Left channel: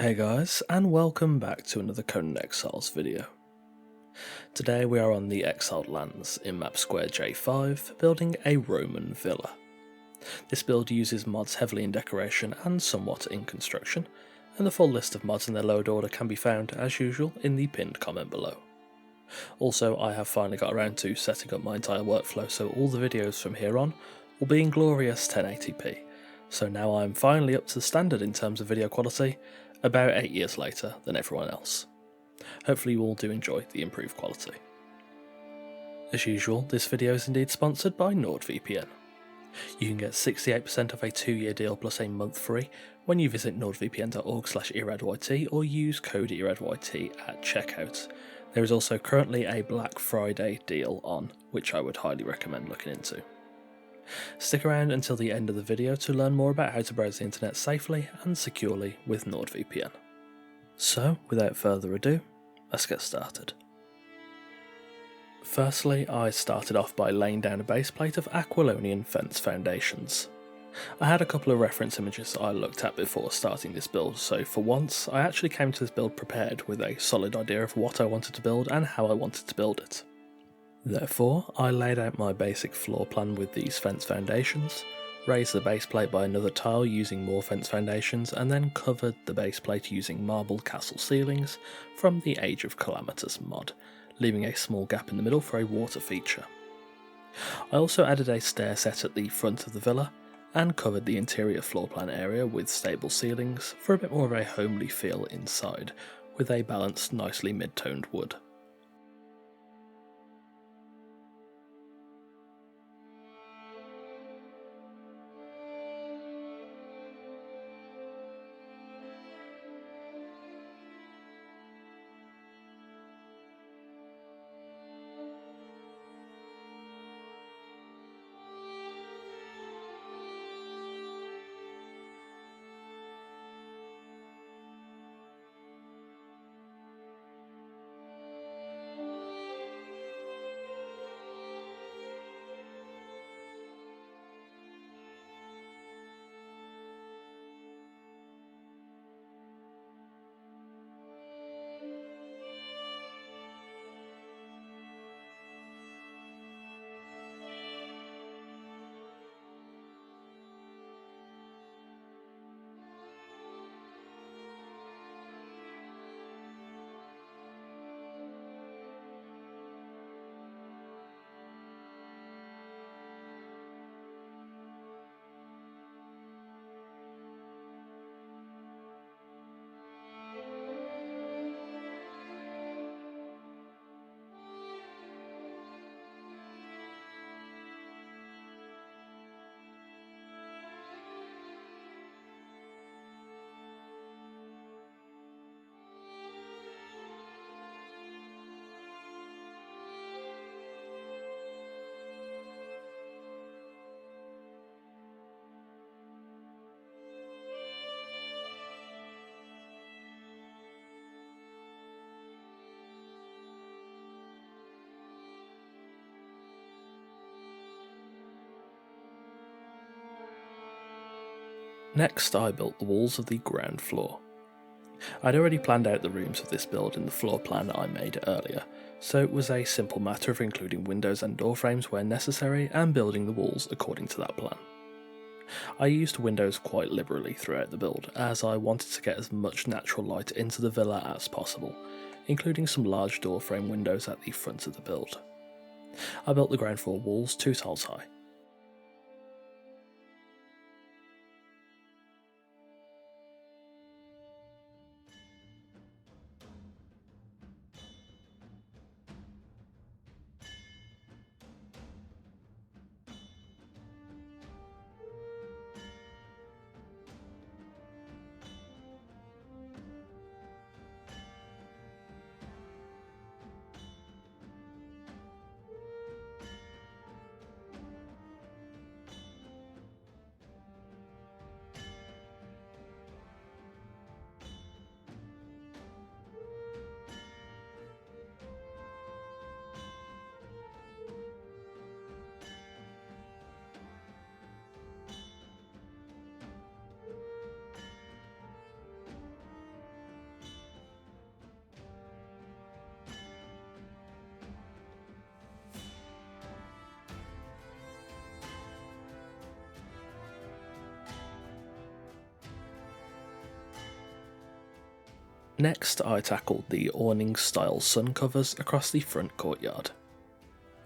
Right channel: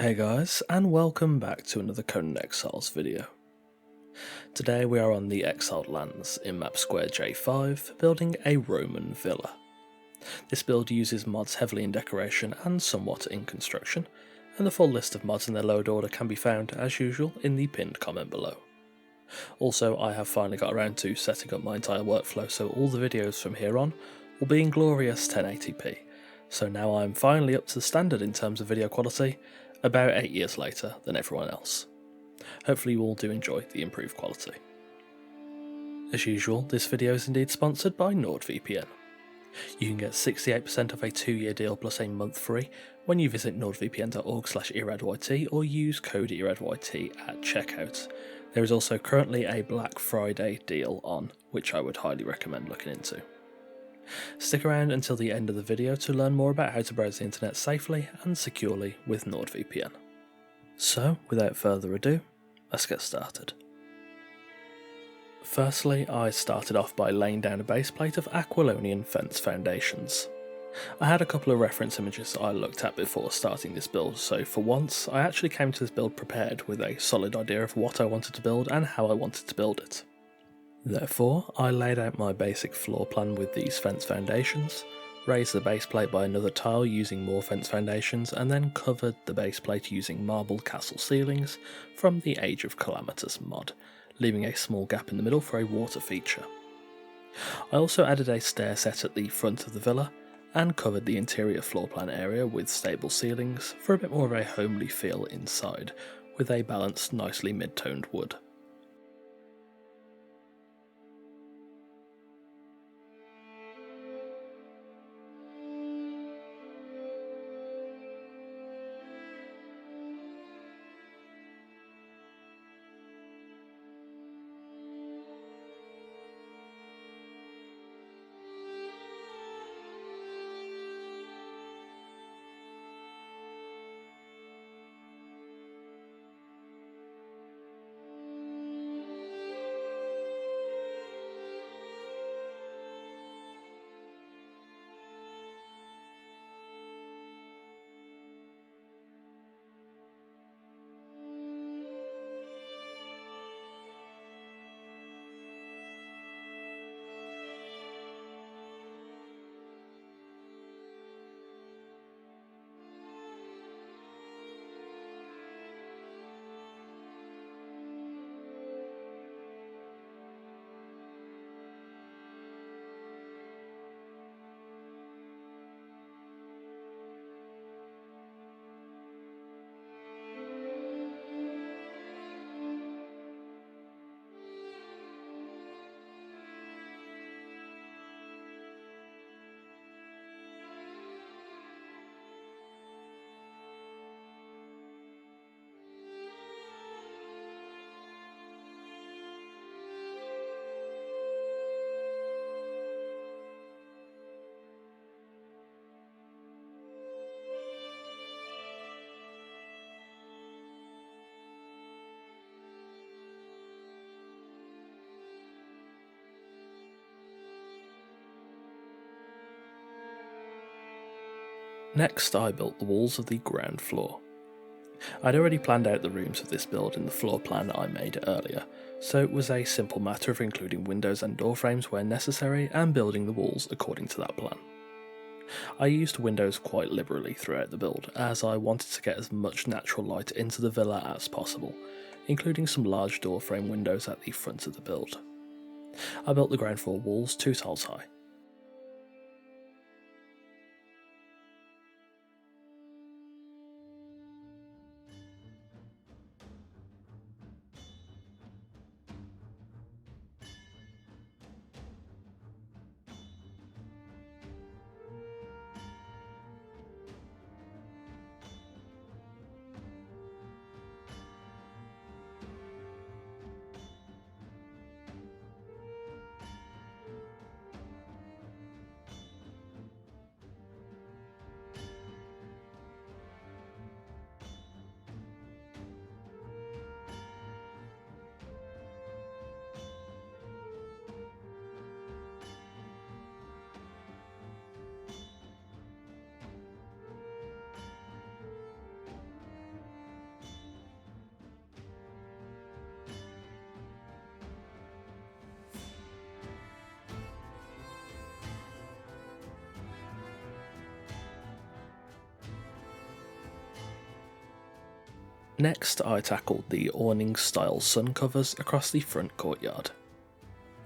Hey guys, and welcome back to another Conan Exiles video. Today we are on the Exiled Lands in map square J5, building a Roman villa. This build uses mods heavily in decoration and somewhat in construction, and the full list of mods in their load order can be found, as usual, in the pinned comment below. Also, I have finally got around to setting up my entire workflow, so all the videos from here on will be in glorious 1080p, so now I'm finally up to the standard in terms of video quality, about 8 years later than everyone else. Hopefully you all do enjoy the improved quality. As usual, this video is indeed sponsored by NordVPN. You can get 68% of a 2-year deal plus a month free when you visit nordvpn.org/eradYT or use code eradYT at checkout. There is also currently a Black Friday deal on, which I would highly recommend looking into. Stick around until the end of the video to learn more about how to browse the internet safely and securely with NordVPN. So, without further ado, let's get started. Firstly, I started off by laying down a base plate of Aquilonian fence foundations. I had a couple of reference images I looked at before starting this build, so for once I actually came to this build prepared with a solid idea of what I wanted to build and how I wanted to build it. Therefore, I laid out my basic floor plan with these fence foundations, raised the base plate by another tile using more fence foundations, and then covered the base plate using marble castle ceilings from the Age of Calamitous mod, leaving a small gap in the middle for a water feature. I also added a stair set at the front of the villa, and covered the interior floor plan area with stable ceilings for a bit more of a homely feel inside, with a balanced, nicely mid-toned wood. Next, I built the walls of the ground floor. I'd already planned out the rooms of this build in the floor plan I made earlier, so it was a simple matter of including windows and door frames where necessary and building the walls according to that plan. I used windows quite liberally throughout the build, as I wanted to get as much natural light into the villa as possible, including some large door frame windows at the front of the build. I built the ground floor walls 2 tiles high. Next, I tackled the awning-style sun covers across the front courtyard.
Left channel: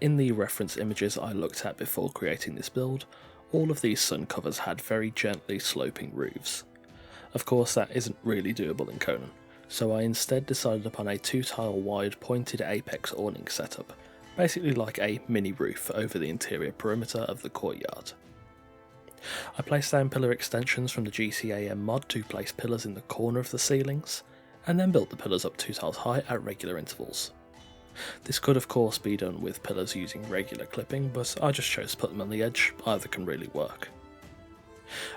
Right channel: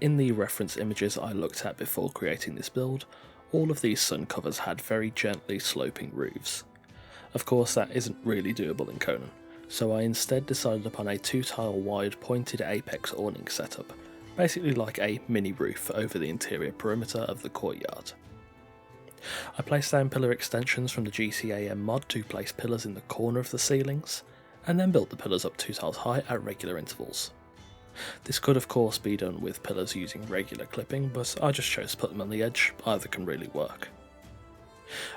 In the reference images I looked at before creating this build, all of these sun covers had very gently sloping roofs. Of course, that isn't really doable in Conan, so I instead decided upon a 2-tile wide pointed apex awning setup, basically like a mini roof over the interior perimeter of the courtyard. I placed down pillar extensions from the GCAM mod to place pillars in the corner of the ceilings, and then built the pillars up 2 tiles high at regular intervals. This could of course be done with pillars using regular clipping, but I just chose to put them on the edge, either can really work.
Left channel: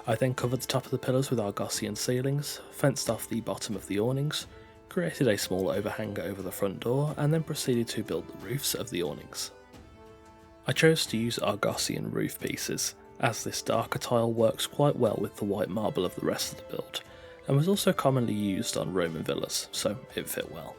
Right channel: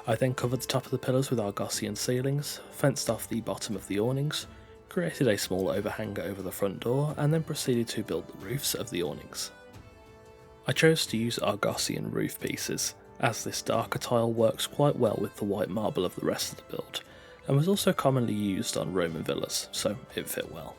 I then covered the top of the pillars with Argossean ceilings, fenced off the bottom of the awnings, created a small overhang over the front door, and then proceeded to build the roofs of the awnings. I chose to use Argossean roof pieces, as this darker tile works quite well with the white marble of the rest of the build, and was also commonly used on Roman villas, so it fit well.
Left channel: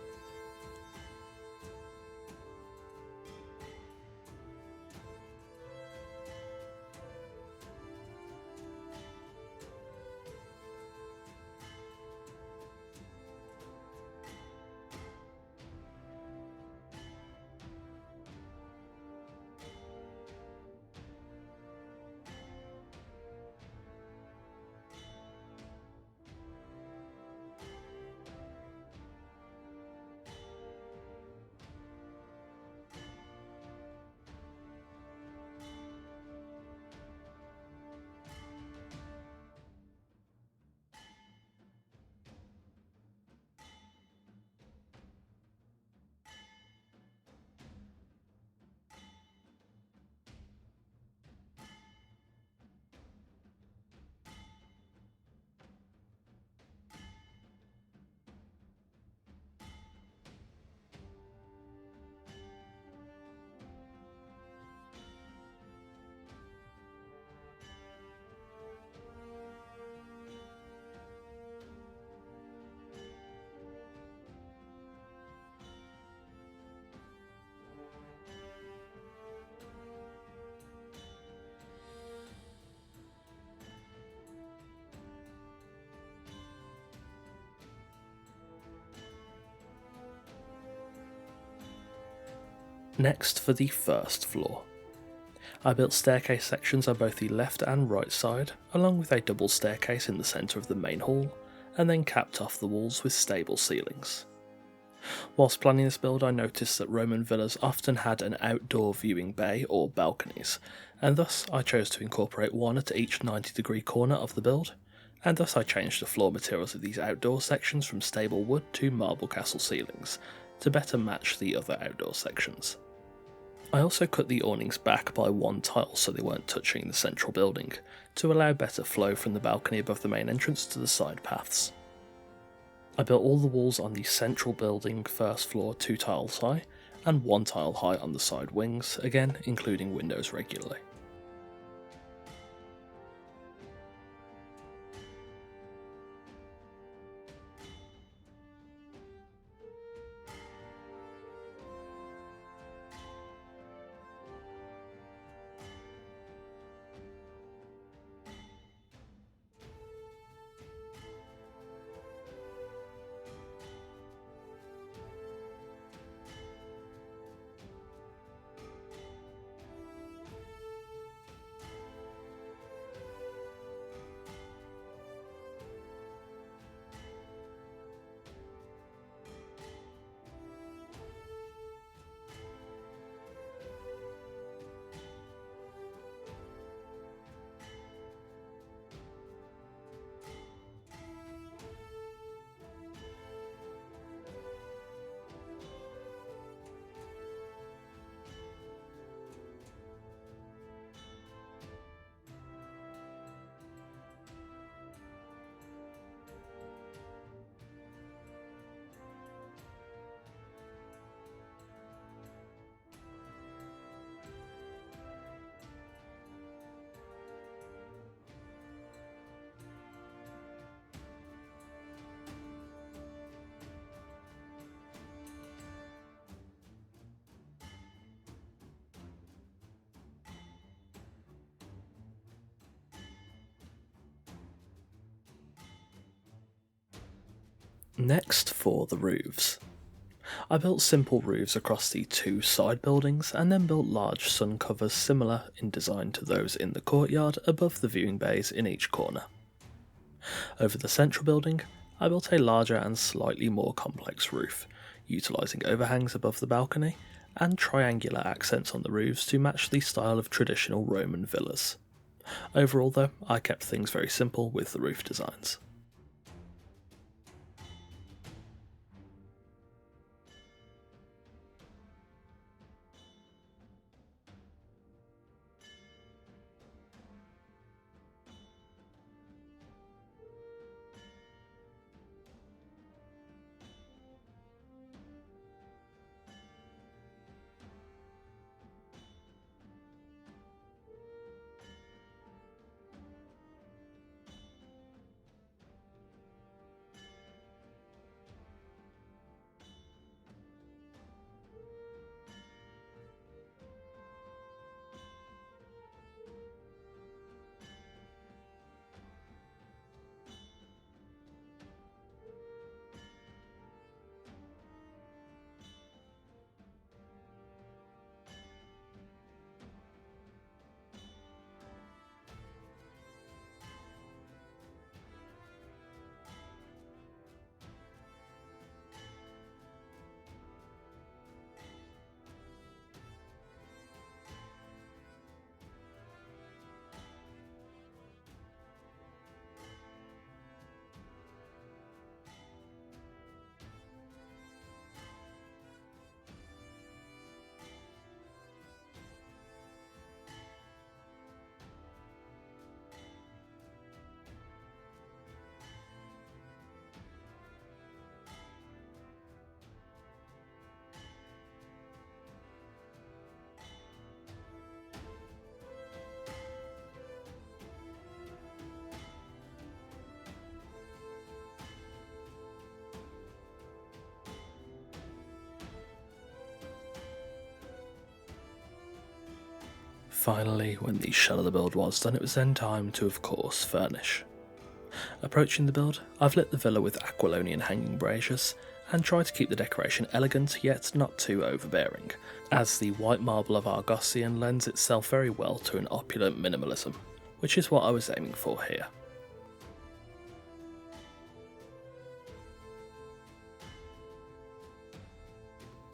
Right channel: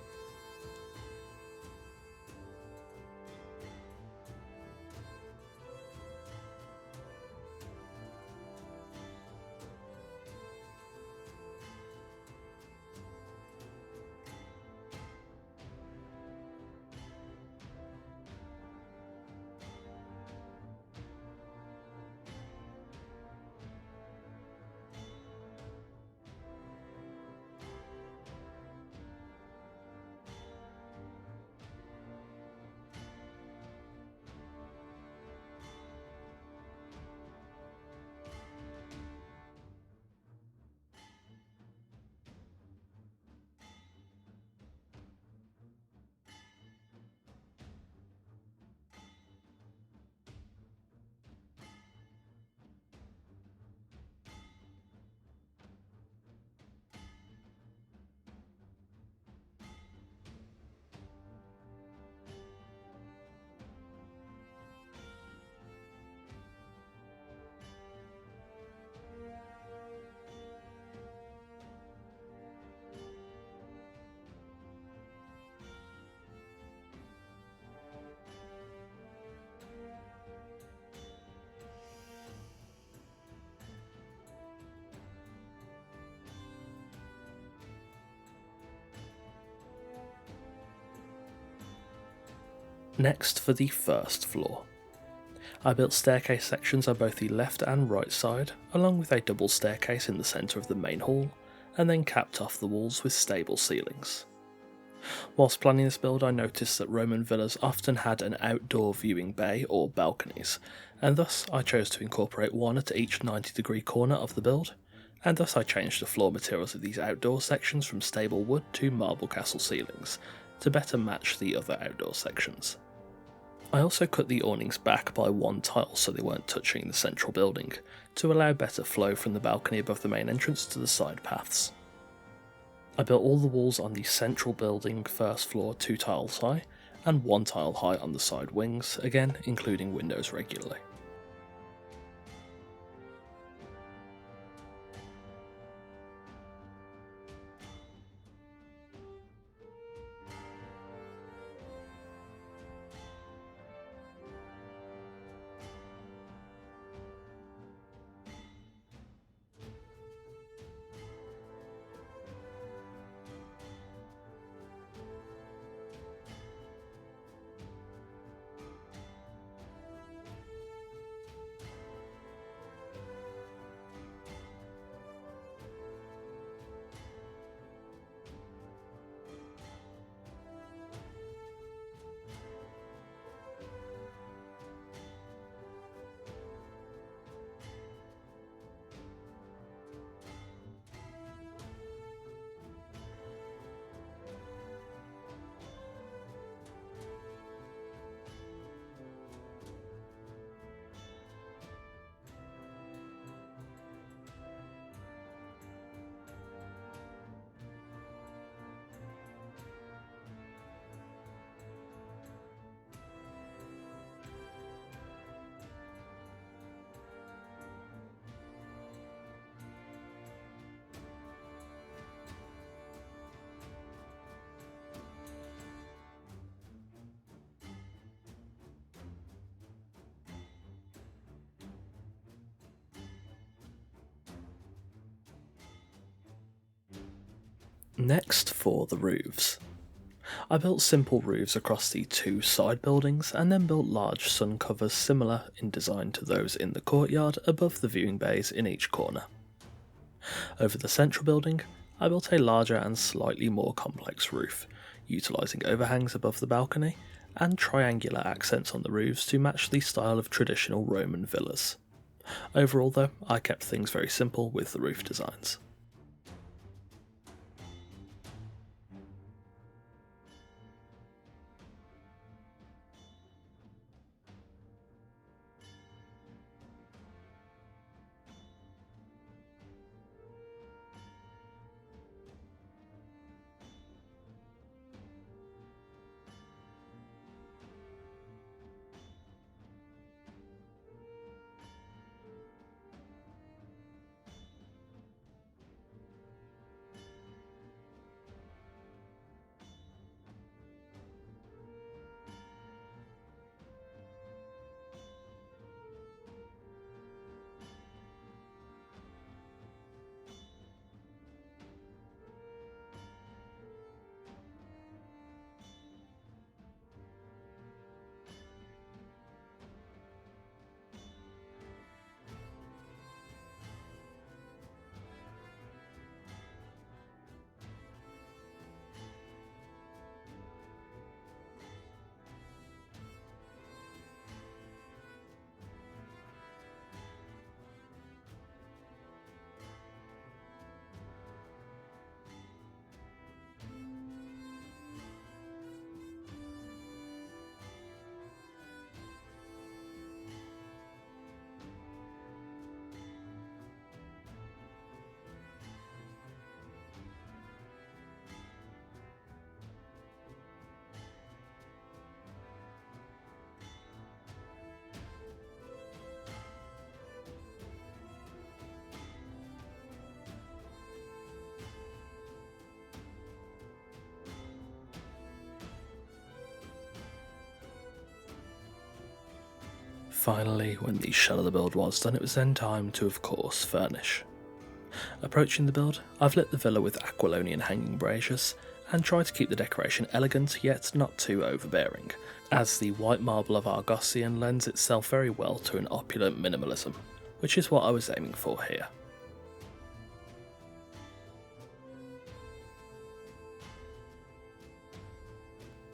Next, for the first floor. I built staircase sections on both the left and right side, along with a double staircase in the centre of the main hall, and then capped off the walls with stable ceilings. Whilst planning this build, I noticed that Roman villas often had an outdoor viewing bay or balconies, and thus I chose to incorporate one at each 90-degree corner of the build, and thus I changed the floor materials of these outdoor sections from stable wood to marble castle ceilings, to better match the other outdoor sections. I also cut the awnings back by 1 tile so they weren't touching the central building, to allow better flow from the balcony above the main entrance to the side paths. I built all the walls on the central building first floor 2 tiles high, and 1 tile high on the side wings, again including windows regularly. Next, for the roofs. I built simple roofs across the two side buildings and then built large sun covers similar in design to those in the courtyard above the viewing bays in each corner. Over the central building, I built a larger and slightly more complex roof, utilising overhangs above the balcony and triangular accents on the roofs to match the style of traditional Roman villas. Overall though, I kept things very simple with the roof designs. Finally, when the shell of the build was done, it was then time to, of course, furnish. Approaching the build, I've lit the villa with Aquilonian hanging braziers, and tried to keep the decoration elegant yet not too overbearing, as the white marble of Argossean lends itself very well to an opulent minimalism, which is what I was aiming for here.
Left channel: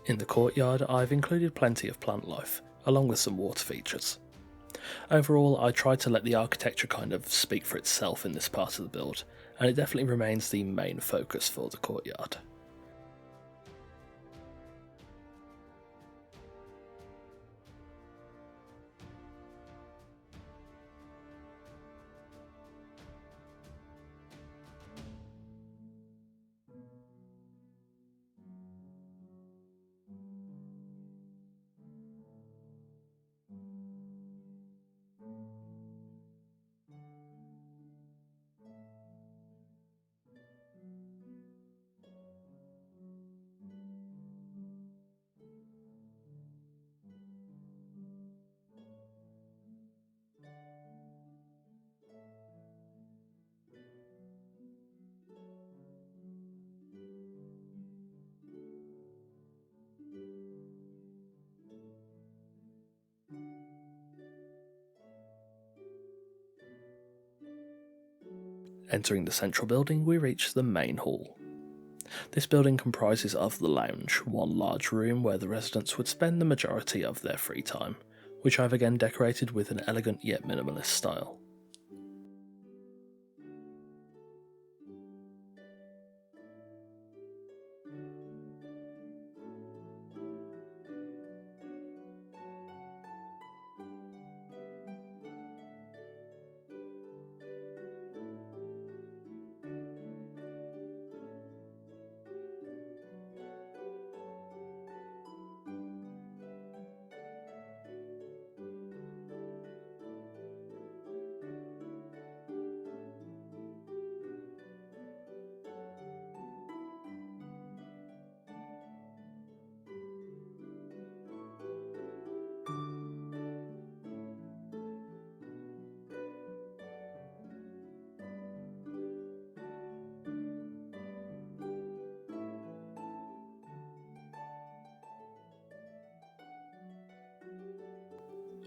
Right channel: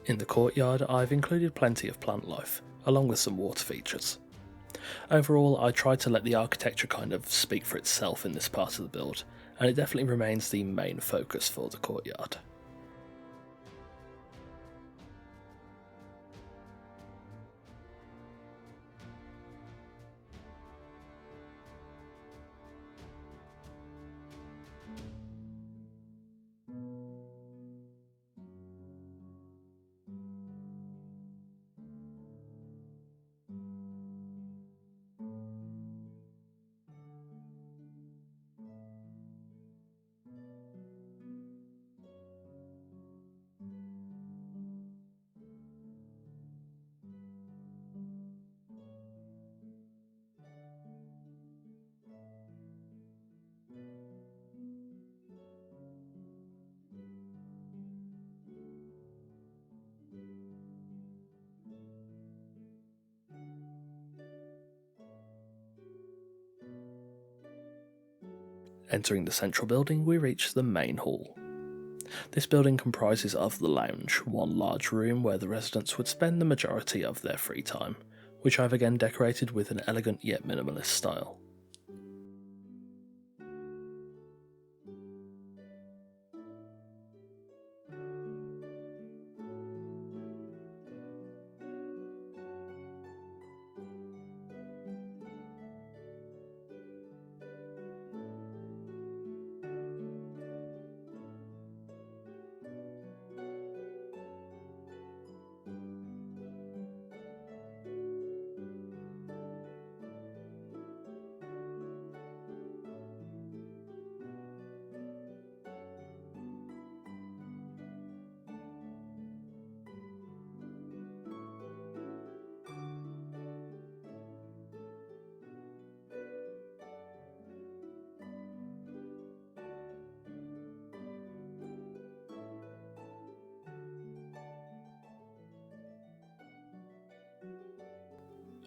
In the courtyard, I've included plenty of plant life, along with some water features. Overall, I tried to let the architecture kind of speak for itself in this part of the build, and it definitely remains the main focus for the courtyard. Entering the central building, we reach the main hall. This building comprises of the lounge, one large room where the residents would spend the majority of their free time, which I've again decorated with an elegant yet minimalist style.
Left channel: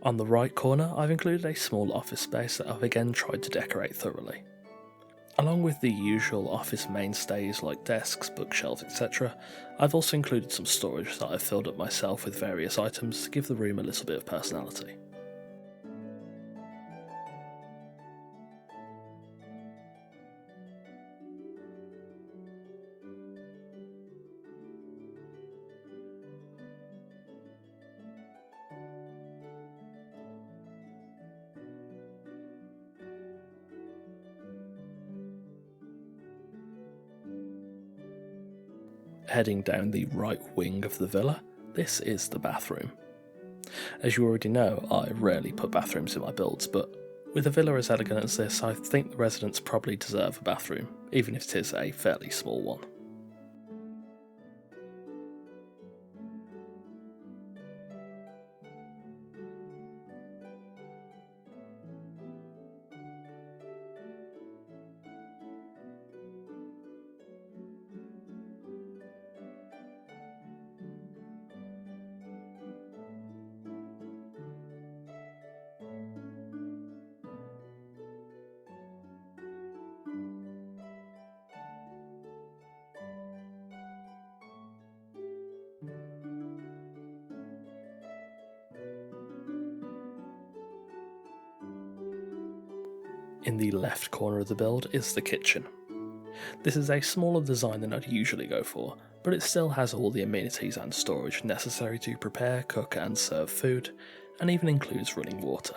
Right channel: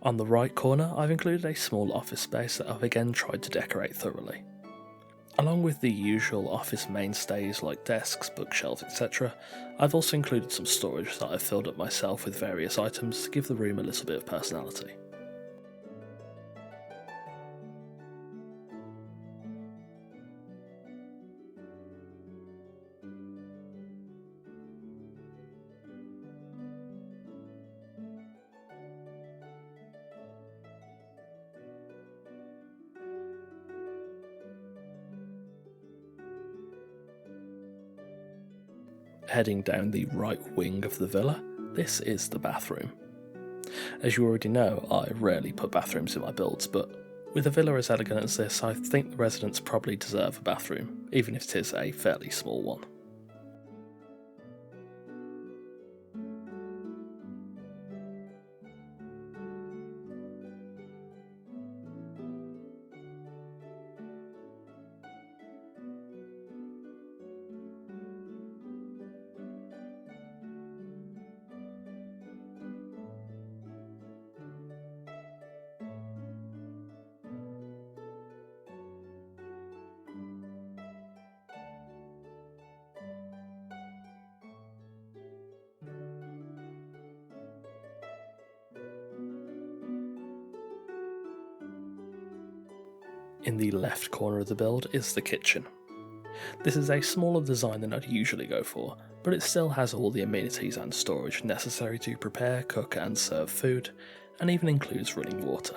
On the right corner, I've included a small office space that I've again tried to decorate thoroughly. Along with the usual office mainstays like desks, bookshelves, etc., I've also included some storage that I've filled up myself with various items to give the room a little bit of personality. Heading down the right wing of the villa, this is the bathroom. As you already know, I rarely put bathrooms in my builds, but with a villa as elegant as this, I think the residents probably deserve a bathroom, even if it is a fairly small one. In the left corner of the build is the kitchen. This is a smaller design than I'd usually go for, but it still has all the amenities and storage necessary to prepare, cook and serve food, and even includes running water.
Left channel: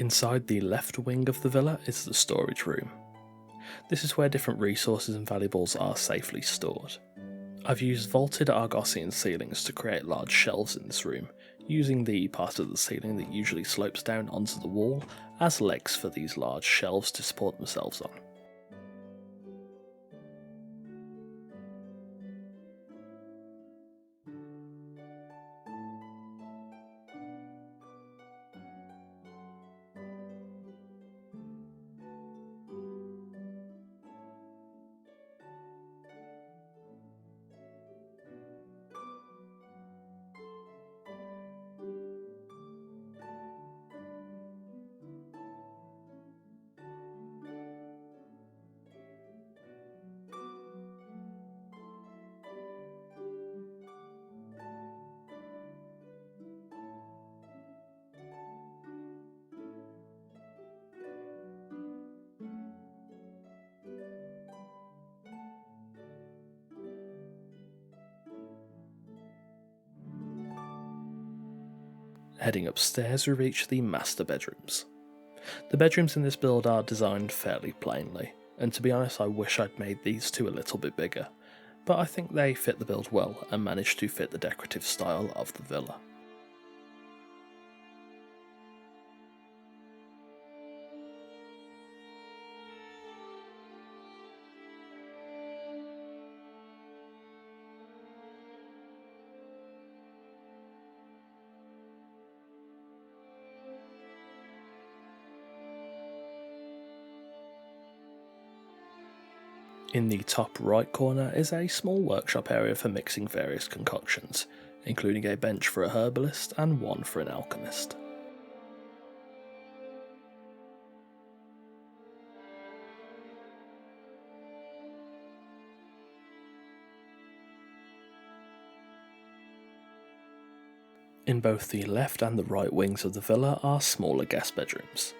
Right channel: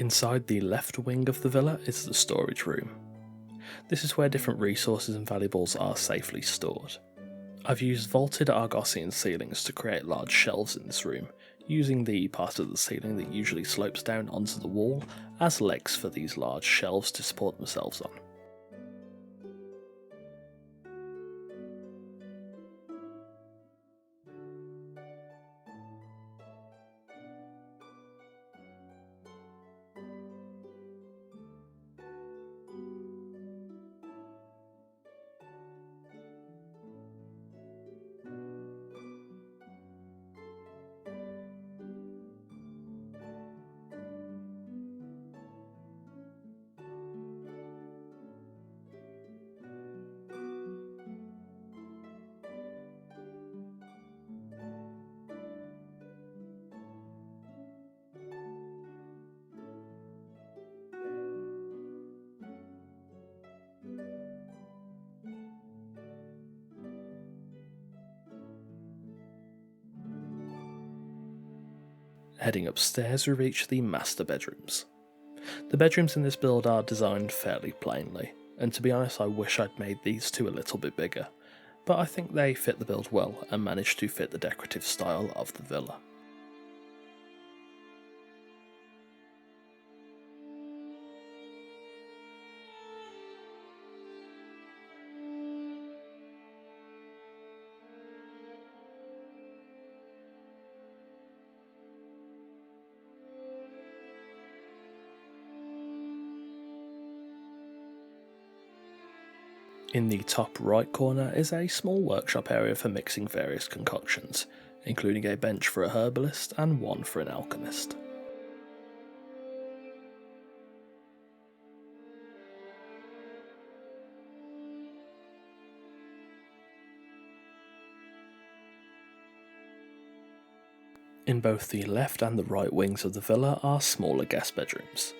Inside the left wing of the villa is the storage room. This is where different resources and valuables are safely stored. I've used vaulted Argossean ceilings to create large shelves in this room, using the part of the ceiling that usually slopes down onto the wall as legs for these large shelves to support themselves on. Heading upstairs, we reach the master bedrooms. The bedrooms in this build are designed fairly plainly, and to be honest I wish I'd made these two a little bit bigger, but I think they fit the build well and managed to fit the decorative style of the villa. In the top right corner is a small workshop area for mixing various concoctions, including a bench for a herbalist and one for an alchemist. In both the left and the right wings of the villa are smaller guest bedrooms.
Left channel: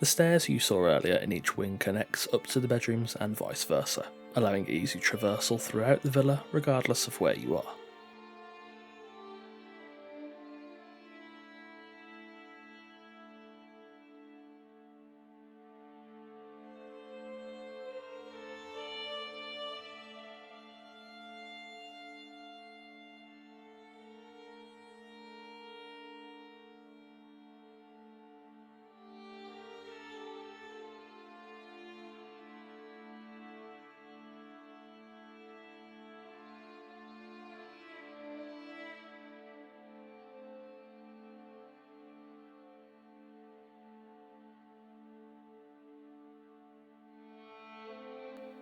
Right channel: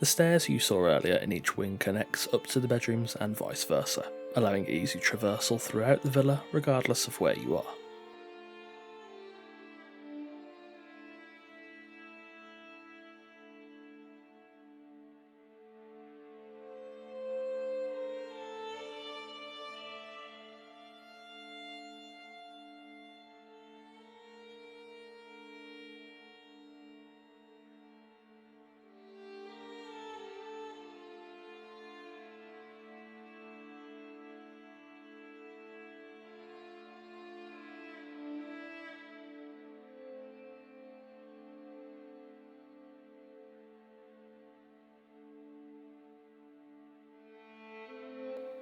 The stairs you saw earlier in each wing connects up to the bedrooms and vice versa, allowing easy traversal throughout the villa regardless of where you are.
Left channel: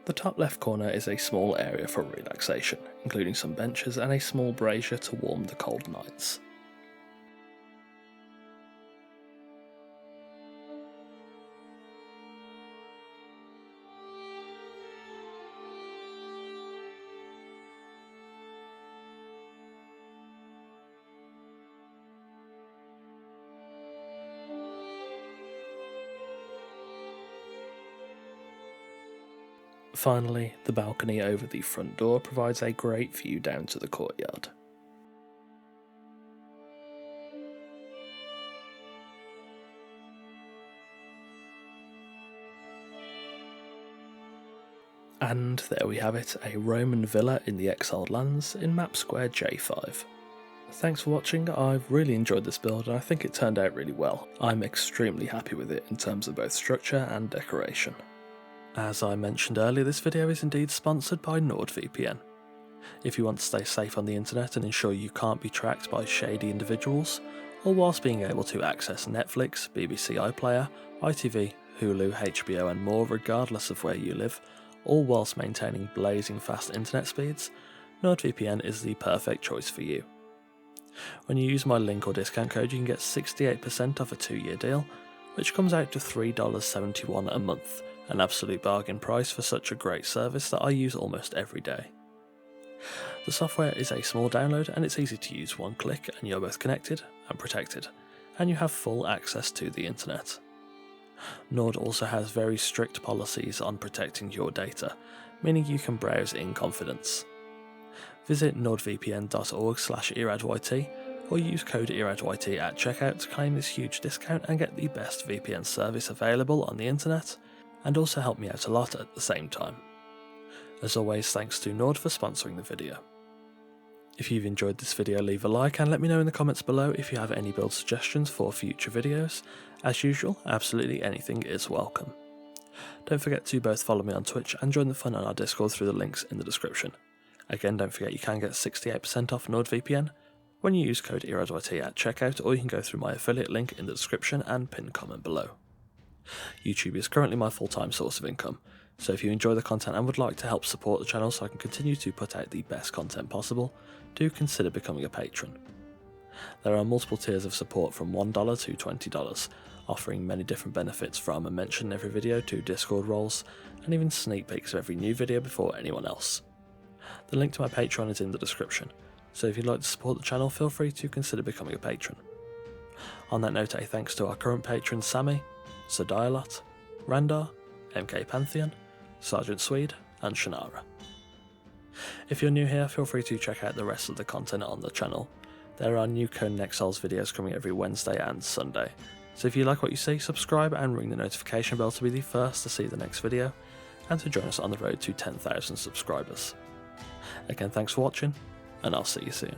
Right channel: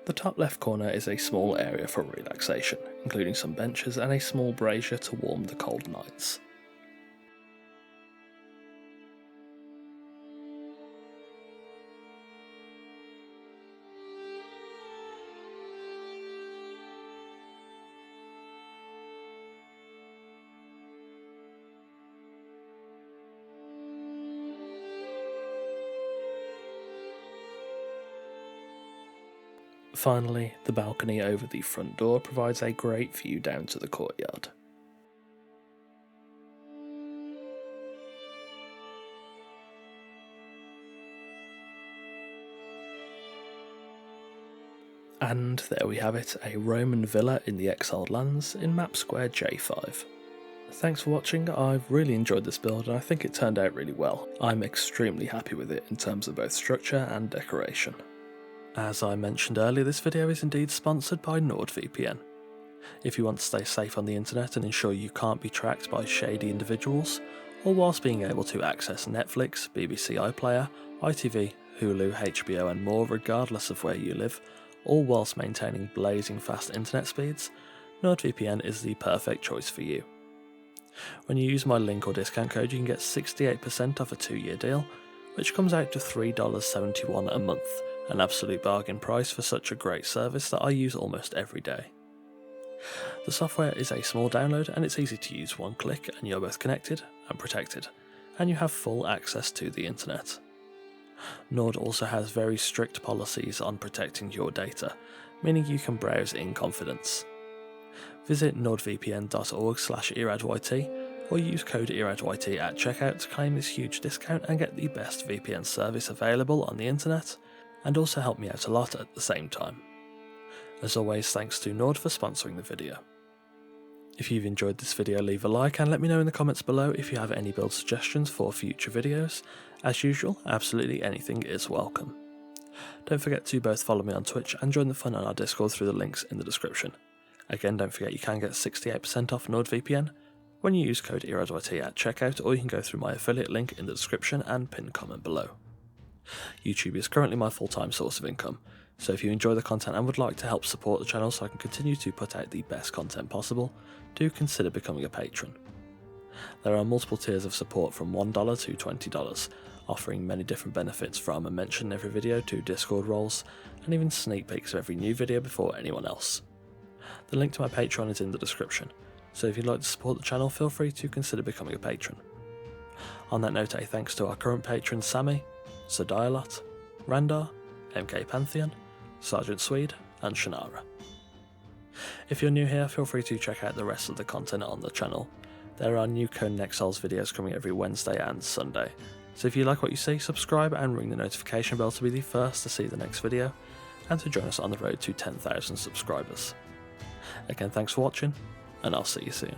The top left corner is a small area for relaxation, including some benches and a small brazier to warm the cold nights. Finally, the balcony over the front door provides a great view down to the courtyard. And there we have it, a Roman villa in the Exiled Lands in map square J5. Thanks for watching. I've really enjoyed this build and I think it turned out really well. I'm extremely happy with it in terms of both structure and decoration. As I mentioned earlier, this video is indeed sponsored by NordVPN. If you want to stay safe on the internet and ensure you can't be tracked by shady individuals, all whilst being able to access Netflix, BBC iPlayer, ITV, Hulu, HBO and more regardless of where you live, all whilst maintaining blazing fast internet speeds, NordVPN is the perfect choice for you. When you use my link or discount code, you can get 68% off a 2-year deal, which comes out to $3.71 a month, an absolute bargain price for such a great service that I use almost every day. The software is a small download and it's easy to use. One click and you're both connected and protected, and you have full access to the internet. Nord also has very strict policies on protecting your data, meaning you can browse in confidence. Visit nordvpn.org/eradyt or use code eradyt at checkout to claim this huge discount and get the best VPN service available on the internet, and also help me out a lot at the same time. As always, thanks to Nord for sponsoring the video. If you've enjoyed this video, leave a like and let me know in the comments below if you have any build suggestions for future videos. As usual, absolutely anything is welcome. Don't forget to both follow me on Twitch and join the fun on our Discord through the links in the description. Again, don't forget you can get 68% off NordVPN when you use code eradyt at checkout, or you can go through my affiliate link in the description and pinned comment below. YouTube is currently my full-time source of income, so if you enjoy the content and would like to help support the channel so I can continue to put out the best content possible, do consider becoming a patron. There are multiple tiers of support from $1 to $20, offering many different benefits from a mention in every video to Discord roles, and even sneak peeks of every new video before anyone else. The link to my Patreon is in the description, so if you'd like to support the channel, feel free to consider becoming a patron. On that note, a thanks to our current patrons Sammy, Sir Dialot, Randar, MK Pantheon, Sergeant Swede, and Shannara. If you're new here, feel free to check out the rest of the content on the channel. There are new Conan Exiles videos coming every Wednesday and Sunday, so if you like what you see, subscribe and ring the notification bell to be the first to see the next video, and to join us on the road to 10,000 subscribers. Again, thanks for watching, and I'll see you soon.